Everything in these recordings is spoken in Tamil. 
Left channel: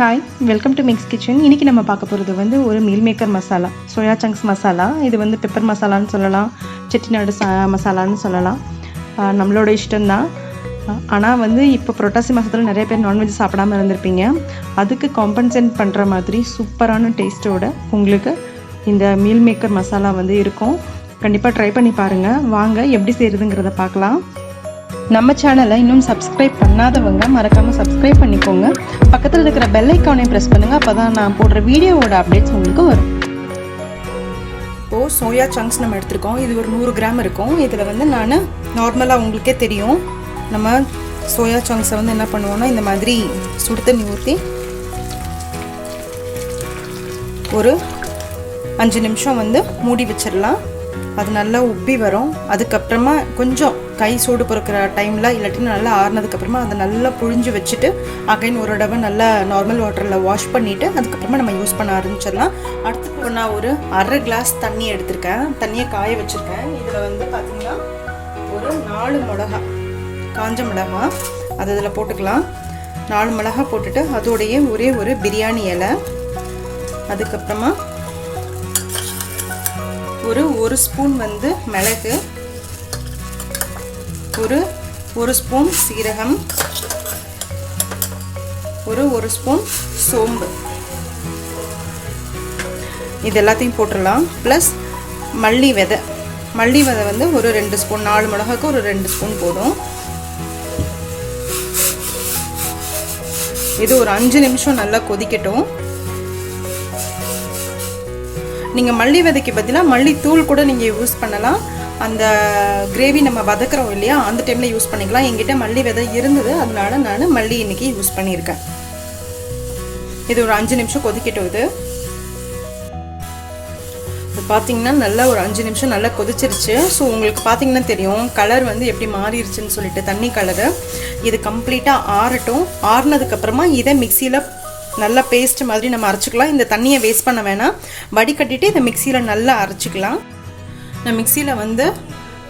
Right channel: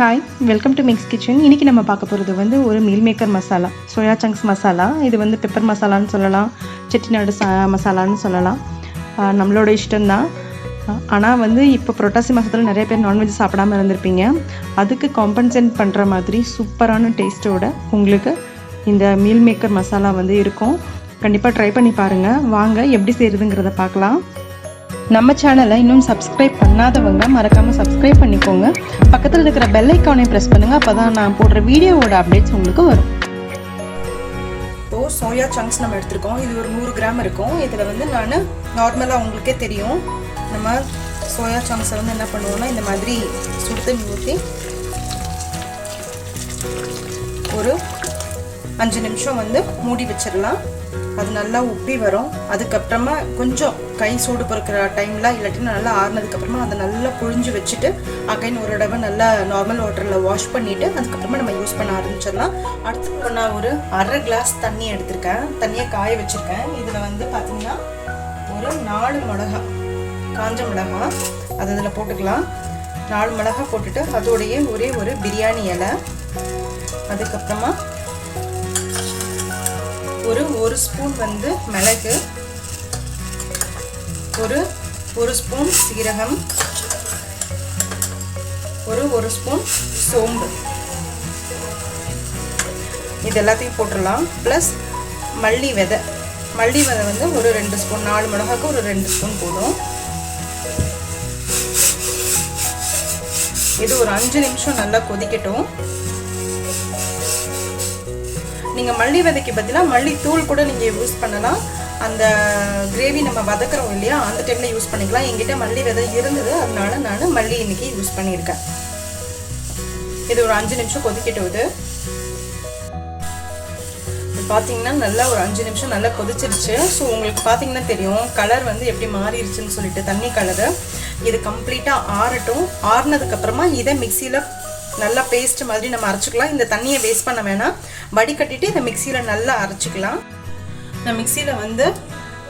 Hi, welcome to mix kitchen. இன்றைக்கி நம்ம பார்க்க போகிறது வந்து ஒரு meal maker masala, soya chunks masala. இது வந்து பெப்பர் மசாலான்னு சொல்லலாம், செட்டிநாடு மசாலான்னு சொல்லலாம். நம்மளோட இஷ்டம்தான். ஆனால் வந்து இப்போ புரட்டாசி மாதத்தில் நிறைய பேர் நான்வெஜ் சாப்பிடாமல் இருந்திருப்பீங்க. அதுக்கு காம்பன்சேட் பண்ணுற மாதிரி சூப்பரான டேஸ்ட்டோட உங்களுக்கு இந்த மீல் மேக்கர் மசாலா வந்து இருக்கும். கண்டிப்பாக ட்ரை பண்ணி பாருங்கள். வாங்க எப்படி செய்கிறதுங்கிறத பார்க்கலாம். நம்ம சேனலை இன்னும் சப்ஸ்கிரைப் பண்ணாதவங்க மறக்காமல் சப்ஸ்கிரைப் பண்ணிக்கோங்க. பக்கத்தில் இருக்கிற பெல் ஐக்கானையும் ப்ரெஸ் பண்ணுங்கள். அப்போ தான் நான் போடுற வீடியோவோட அப்டேட்ஸ் உங்களுக்கு வரும். இப்போது சோயா சங்க்ஸ் நம்ம எடுத்துருக்கோம். இது ஒரு 100 கிராம் இருக்கும். இதில் வந்து நான் நார்மலாக உங்களுக்கே தெரியும், நம்ம சோயா சங்க்ஸை வந்து என்ன பண்ணுவோம்னா இந்த மாதிரி சுடு தண்ணி ஊற்றி ஒரு 5 நிமிஷம் வந்து மூடி வச்சிடலாம். அது நல்லா உப்பி வரும். அதுக்கப்புறமா கொஞ்சம் கை சூடு பொறுக்கிற டைமில் இல்லாட்டி நல்லா ஆறுனதுக்கப்புறமா அதை நல்லா புழிஞ்சு வச்சுட்டு அகைன் ஒரு தடவை நல்லா நார்மல் வாட்டரில் வாஷ் பண்ணிவிட்டு அதுக்கப்புறமா நம்ம யூஸ் பண்ண ஆரம்பிச்சிடலாம். அடுத்து நான் ஒரு அரை கிளாஸ் தண்ணி எடுத்திருக்கேன். தண்ணியை காய வச்சுருக்கேன். இதில் வந்து பார்த்திங்கன்னா ஒரு 4 மிளகா, காஞ்ச மிளகா அது இதில் போட்டுக்கலாம். 4 மிளகா போட்டுட்டு அதோடைய ஒரே ஒரு பிரியாணி இலை, அதுக்கப்புறமா ஒரு ஸ்பூன் வந்து மிளகு, ஒரு ஸ்பூன் சீரகம், ஒரு ஸ்பூன் சோம்பு, இது எல்லாத்தையும் போட்டுடலாம். ப்ளஸ் மல்லி விதை வந்து ஒரு 2 ஸ்பூன், 4 மிளகாக்கு ஒரு 2 ஸ்பூன் போடும். இது ஒரு 5 நிமிஷம் நல்லா கொதிக்கட்டும். நீங்கள் மல்லி விதைக்கு பதிலாக மல்லி தூள் கூட நீங்கள் யூஸ் பண்ணலாம். அந்த கிரேவி நம்ம வதக்குறோம் இல்லையா, அந்த டைமில் யூஸ் பண்ணிக்கலாம். என்கிட்ட மல்லி விதை இருந்தது, அதனால நான் மல்லி இன்னைக்கு யூஸ் பண்ணியிருக்கேன். இது ஒரு 5 நிமிஷம் கொதிக்கட்டும். இது பார்த்தீங்கன்னா நல்லா ஒரு 5 நிமிஷம் நல்லா கொதிச்சிருச்சு. ஸோ உங்களுக்கு பார்த்தீங்கன்னா தெரியும் கலர் வந்து எப்படி மாறிடுச்சுன்னு சொல்லிட்டு, தண்ணி கலரு. இது கம்ப்ளீட்டாக ஆறட்டும். ஆறுனதுக்கப்புறமா இதை மிக்சியில் நல்லா பேஸ்ட் மாதிரி நம்ம அரைச்சிக்கலாம். இந்த தண்ணியை வேஸ்ட் பண்ண வேணாம், வடிகட்டிட்டு இதை மிக்சியில் நல்லா அரைச்சிக்கலாம். நான் மிக்சியில் வந்து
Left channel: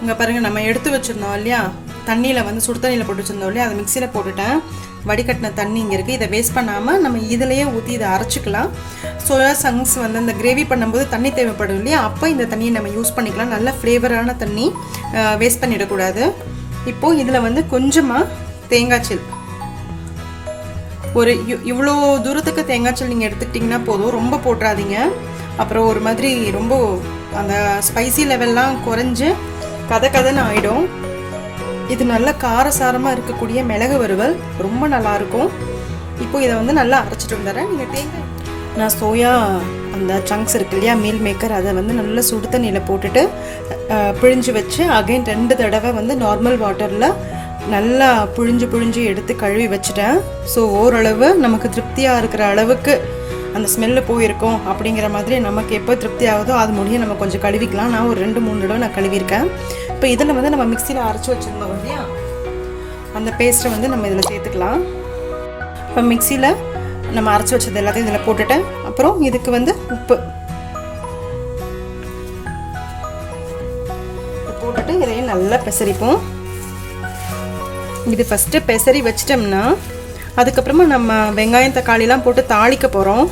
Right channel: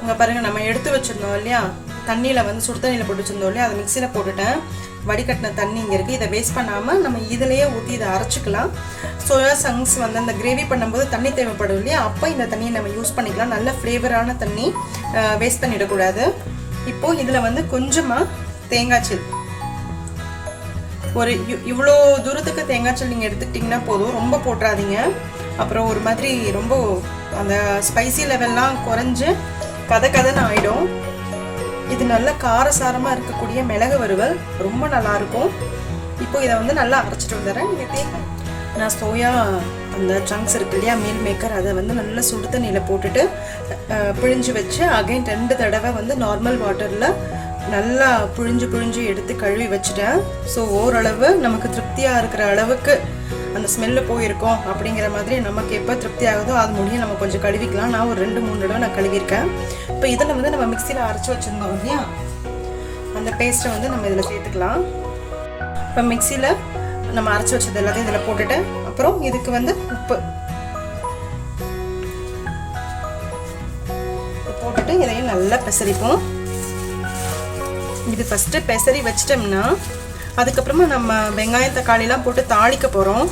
இங்கே பாருங்கள், நம்ம எடுத்து வச்சுருந்தோம் இல்லையா, தண்ணியில் வந்து சுடு தண்ணியில் போட்டு வச்சுருந்தோம் இல்லையா, அதை மிக்சியில் போட்டுட்டேன். வடிகட்டின தண்ணி இங்கே இருக்குது. இதை வேஸ்ட் பண்ணாமல் நம்ம இதிலையே ஊற்றி இதை அரைச்சிக்கலாம். சோயா சங்க்ஸ் வந்து அந்த கிரேவி பண்ணும்போது தண்ணி தேவைப்படும் இல்லையா, அப்போ இந்த தண்ணியை நம்ம யூஸ் பண்ணிக்கலாம். நல்ல ஃப்ளேவரான தண்ணி, வேஸ்ட் பண்ணிடக்கூடாது. இப்போது இதில் வந்து கொஞ்சமாக தேங்காய்ச்சல், ஒரு இவ்வளோ தூரத்துக்கு தேங்காய்ச்சல் நீங்கள் எடுத்துக்கிட்டிங்கன்னா போதும், ரொம்ப போட்டுறாதீங்க. அப்புறம் ஒரு மாதிரி ரொம்ப அந்த ஸ்பைசி லெவல்லாம் குறைஞ்சு கதன்னு ஆகிடும். இது நல்லா காரசாரமாக இருக்கக்கூடிய மிளகு வறுவல் ரொம்ப நல்லாயிருக்கும். இப்போது இதை வந்து நல்லா அரைச்சிட்டு வந்துடுறேன். நீங்கள் தேங்காய், நான் சோயா அந்த சங்க்ஸ் இருக்கு இல்லையா, மீல் மேக்கர், அதை வந்து நல்லா சுடு தண்ணியில் போட்டுட்டு பிழிஞ்சு வச்சு அகைன் 2 தடவை வந்து நார்மல் வாட்டரில் நல்லா புழிஞ்சு எடுத்து கழுவி வச்சுட்டேன். ஸோ ஓரளவு நமக்கு திருப்தியாக இருக்கிற அளவுக்கு அந்த ஸ்மெல்லு போயிருக்கோம். அப்படிங்கிற மாதிரி நமக்கு எப்போ திருப்தி ஆகுதோ அது முடியும் நம்ம கொஞ்சம் கழுவிக்கலாம். நான் ஒரு 2-3 தடவை நான் கழுவிருக்கேன். இப்போ இதில் வந்து நம்ம மிக்சியில் அரைச்சி வச்சுருந்தோம் இல்லையா, அந்த பேஸ்ட்டை வந்து நம்ம இதில் சேர்த்துக்கலாம். இப்போ மிக்சியில் நம்ம அரைச்சி வச்சது எல்லாத்தையும் இதில் போட்டுட்டேன். அப்புறம் இதுக்கு வந்து உப்பு போட்டுட்டு இதையும் நல்லா பெசரிப்போம். இது ஃபஸ்ட்டு பெசரி வச்சிட்டோம்னா அதுக்கப்புறமா நம்ம வெங்காயம் தக்காளிலாம் போட்டு தாளிக்க போகிறோம்.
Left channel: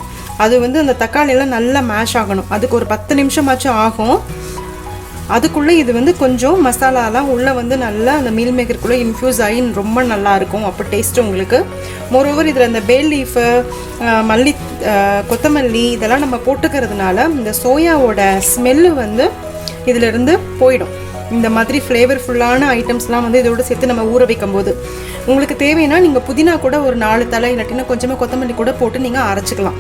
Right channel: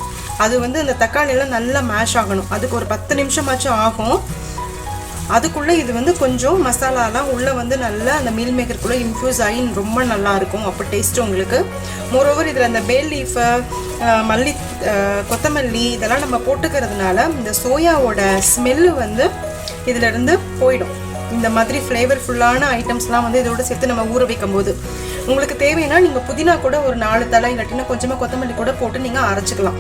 அது வந்து அந்த தக்காளியெல்லாம் நல்லா மேஷ் ஆகணும். அதுக்கு ஒரு 10 நிமிஷமாச்சும் ஆகும். அதுக்குள்ளே இது வந்து கொஞ்சம் மசாலாலாம் உள்ளே வந்து நல்லா அந்த மீல் மேக்கருக்குள்ளே இன்ஃப்யூஸ் ஆகி ரொம்ப நல்லாயிருக்கும். அப்போ டேஸ்ட்டு உங்களுக்கு. மோரோவர் இதில் இந்த பே லீஃபு, மல்லி, கொத்தமல்லி இதெல்லாம் நம்ம போட்டுக்கிறதுனால இந்த சோயாவோட ஸ்மெல்லு வந்து இதிலேருந்து போயிடும். இந்த மாதிரி ஃப்ளேவர்ஃபுல்லான ஐட்டம்ஸ்லாம் வந்து இதோட சேர்த்து நம்ம ஊற வைக்கும் போது உங்களுக்கு தேவைன்னா நீங்கள் புதினா கூட ஒரு 4 தலை இல்லாட்டினா கொஞ்சமாக கொத்தமல்லி கூட போட்டு நீங்கள் அரைச்சிக்கலாம்.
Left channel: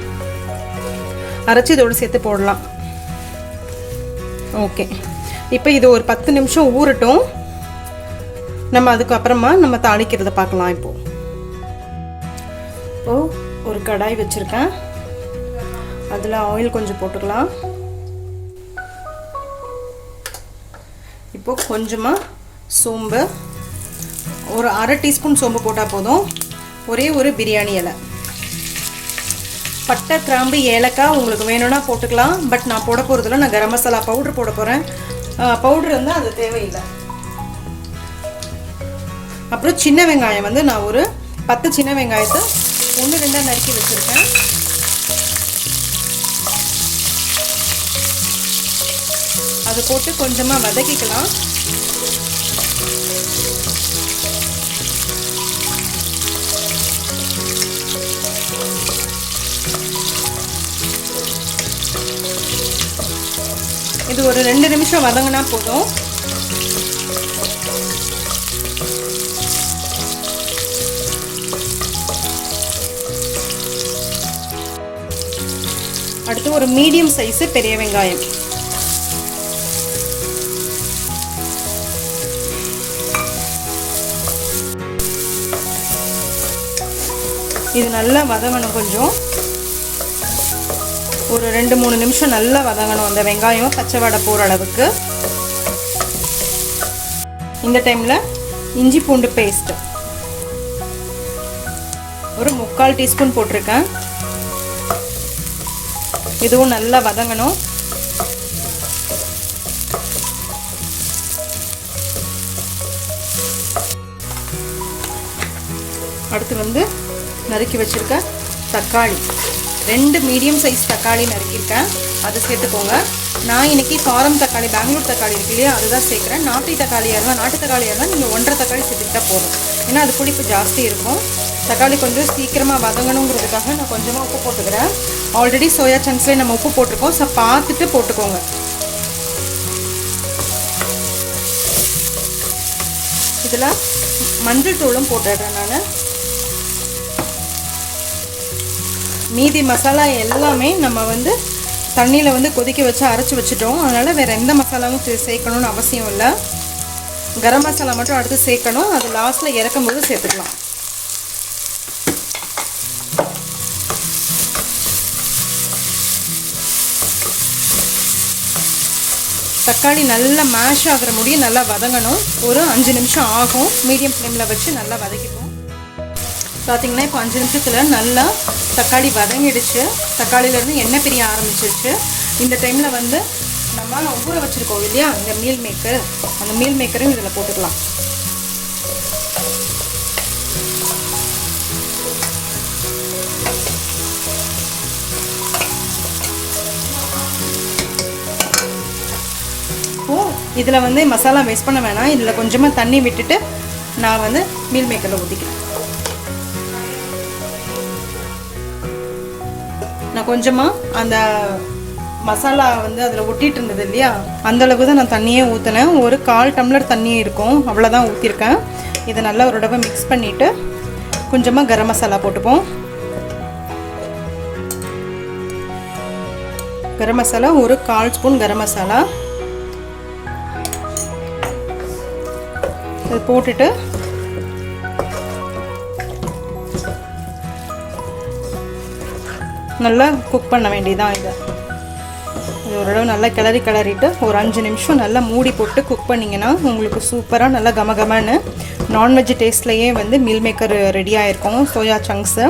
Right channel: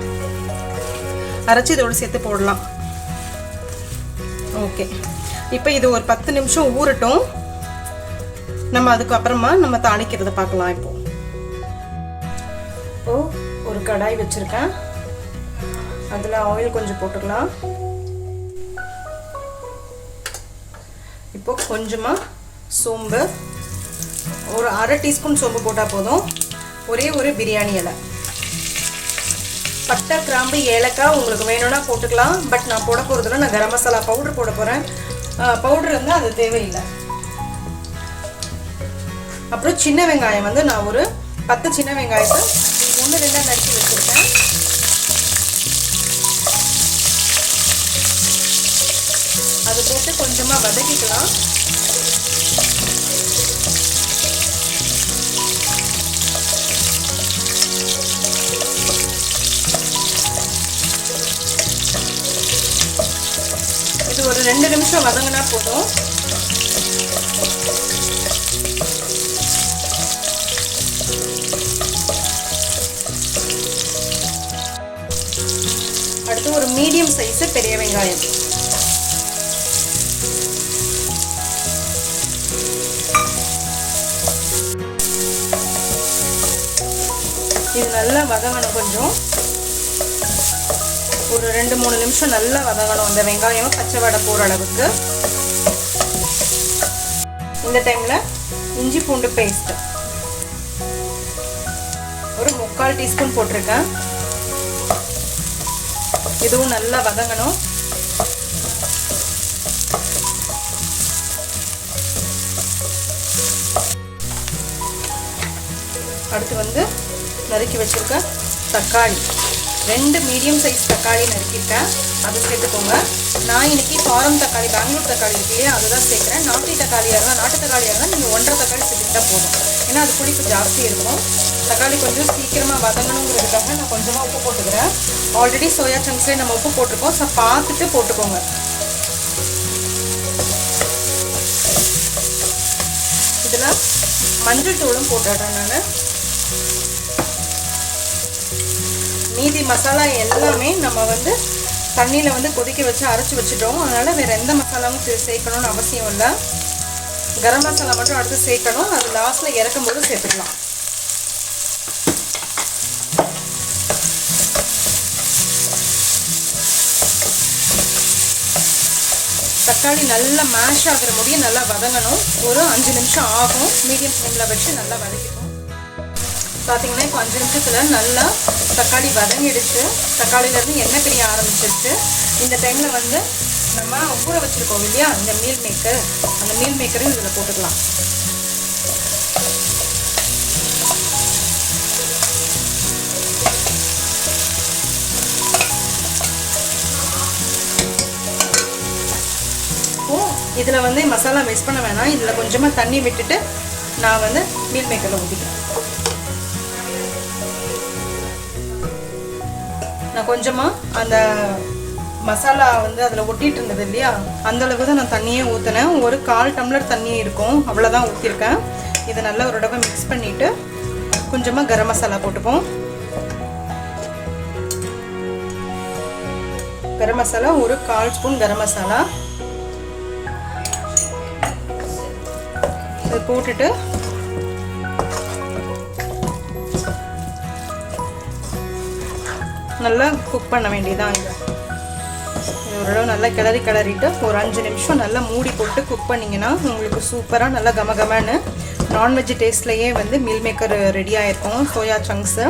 அரைச்சி இதோட சேர்த்து போடலாம். ஓகே, இப்போ இது ஒரு 10 நிமிஷம் ஊறட்டும். நம்ம அதுக்கப்புறமா நம்ம தாளிக்கிறத பார்க்கலாம். இப்போது ஒரு கடாய் வச்சுருக்கேன். அதில் ஆயில் கொஞ்சம் போட்டுக்கலாம். இப்போது கொஞ்சமாக சோம்பு, ஒரு 1/2 டீஸ்பூன் சோம்பு போட்டால் போதும். ஒரே ஒரு பிரியாணி இலை, பட்டை, கிராம்பு, ஏலக்காய் உங்களுக்கு வேணும்னா போட்டுக்கலாம். பட் நான் போட போகிறதில்ல, நான் கரம் மசாலா பவுட்ரு போட போகிறேன். பவுட்ரு இருந்தால் அது தேவையில்லை. அப்புறம் சின்ன வெங்காயம் வந்து நான் ஒரு 10 சின்ன வெங்காயத்தை ஒன்று ரெண்டாக நறுக்கி வச்சுருக்கேன். அதை போட்டு கொஞ்சமாக வதக்கிக்கலாம். இது ஒரு 2 நிமிஷம் வதங்கினா போதும். அடுத்து ஒரு மீடியம் சைஸ் பெரிய வெங்காயம். இது நல்லா வதங்கணும். கொஞ்சம் ஒரு 2-3 நிமிஷம் நல்லா வதங்கணும். அந்த வெங்காயம் பச்சை வடை போகிற அளவுக்கு. இந்த டைமில் இஞ்சி பூண்டு பேஸ்ட் ஒரு 3/4 டீஸ்பூன் போட்டிருக்கேன். இதுவும் நல்லா வதங்கணும். அடுத்து வந்து நறுக்கி வச்சிருக்க தக்காளி, 2 மீடியம் சைஸ் தக்காளி நறுக்கியிருக்கேன். அதை சேர்த்துக்கோங்க. நான் இன்னைக்கு ஃபாரம் தக்காளி, பெங்களூர் தக்காளி இருக்கு இல்லையா, அதுதான் சேர்க்குறேன். நாட்டு தக்காளியாக இருந்தால் நீங்கள் 1.5 தக்காளி சேர்த்துக்கிட்டா போதும். ஏன்னா அது புளிப்பு ஜாஸ்தி இருக்கும். தக்காளி கொஞ்சம் சீக்கிரமாக வதங்கணுங்கிறதுக்காக நான் கொஞ்சமாக உப்பு போட்டுக்கிறேன். ஆல்ரெடி சோயா சங்க்ஸ்லேயே நம்ம உப்பு போட்டிருக்கோம். ஸோ பார்த்துட்டு போட்டுக்கோங்க. இதில் மஞ்சள் தூளும் போட்டுடுறேன் நான். மீதி மசாலா எல்லாமே நம்ம வந்து தண்ணியில் வந்து கொதிக்க வச்சு அரைச்சி வச்சுட்டோம். அதனால் வேறு எந்த மசாலாவும் சேர்க்கணும்னு அவசியம் இல்லை. கரம் மசாலா மட்டும் அடுத்து சேர்க்கணும். அது லாஸ்ட்டில் இறக்கும்போது சேர்த்துக்கலாம். தக்காளி நல்லா மேஷ் ஆகிற முடியும் நல்லா வதங்கணும். ஒரு 5 நிமிஷம் ஆகும். மீடியம் ஃப்ளேமில் வச்சு நல்லா வதக்கிப்போம். பார்த்திங்கன்னா இப்போ 5 நிமிஷத்தில் நல்லா தக்காளி வதங்கிடுச்சு. தக்காளியிலேருந்து எண்ணெய் பிரிய ஆரம்பிச்சிருச்சு. இந்த டைமில் வந்து நம்ம ஊற வச்சுருக்கோம் இல்லையா இந்த மீல் மேக்கர், அந்த மீல் மேக்கரும் இதில் போட்டுக்கலாம். இதில் வந்து மசாலா மிக்ஸ் பண்ண வேணாம். இதில் கொஞ்சமாக தண்ணி விட்டுட்டு நான் வந்து மீல் மேக்கரில் ஊற்றிக்கிறேன். நான் கொஞ்சமாக அந்த மசாலா வந்து அதில் ஒட்டிகிட்டு இருந்தது இல்லையா, அந்தளவுக்கு தான் நான் தண்ணியே ஊற்றினேன். ஒரு 1/4 டம்ளர் தண்ணி இருக்கும், அவ்வளோதான் ஊற்றிருக்கேன். இதை நல்லா ஒரு தடவை மிக்ஸ் பண்ணிவிட்டு கொஞ்சமாக கரம் மசாலா போட்டுப்போம். கரம் மசாலா ஒரு 1/4 ஸ்பூன் கரம் மசாலா இது போட்டுட்டு நல்லா குக் பண்ண வேண்டியதான். இதை ஓரளவு நல்லா கிளறிட்டு ஒரு 5 நிமிஷம் நல்லா மூடி போட்டு குக் பண்ணிங்கன்னா உங்களுக்கு சூப்பராக நல்லா கமகமன்னு நான்வெஜ் டேஸ்ட்லேயே வந்து மீல் மேக்கர் ரெடி ஆகிருக்கும். சோயா சங்க்ஸு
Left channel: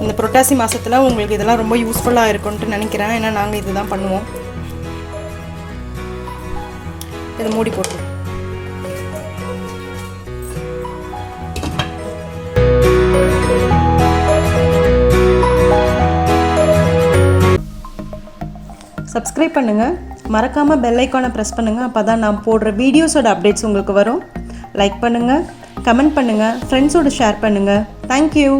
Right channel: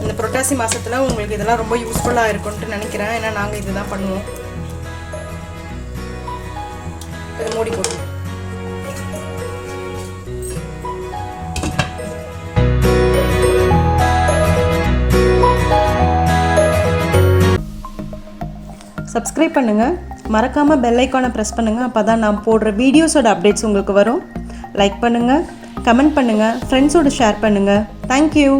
இந்த புரட்டாசி மாதத்தில் உங்களுக்கு இதெல்லாம் ரொம்ப யூஸ்ஃபுல்லாக இருக்கும்ன்ட்டு நினைக்கிறேன். ஏன்னா நாங்கள் இது தான் பண்ணுவோம். இது மூடி போட்டு சப்ஸ்கிரைப் பண்ணுங்கள். மறக்காமல் பெல் ஐக்கானை ப்ரெஸ் பண்ணுங்கள். அப்போ தான் நான் போடுற வீடியோஸோட அப்டேட்ஸ் உங்களுக்கு வரும். லைக் பண்ணுங்கள், கமெண்ட் பண்ணுங்கள், ஃப்ரெண்ட்ஸோடு ஷேர் பண்ணுங்கள். தேங்க்யூ.